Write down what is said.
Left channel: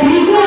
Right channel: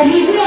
peligro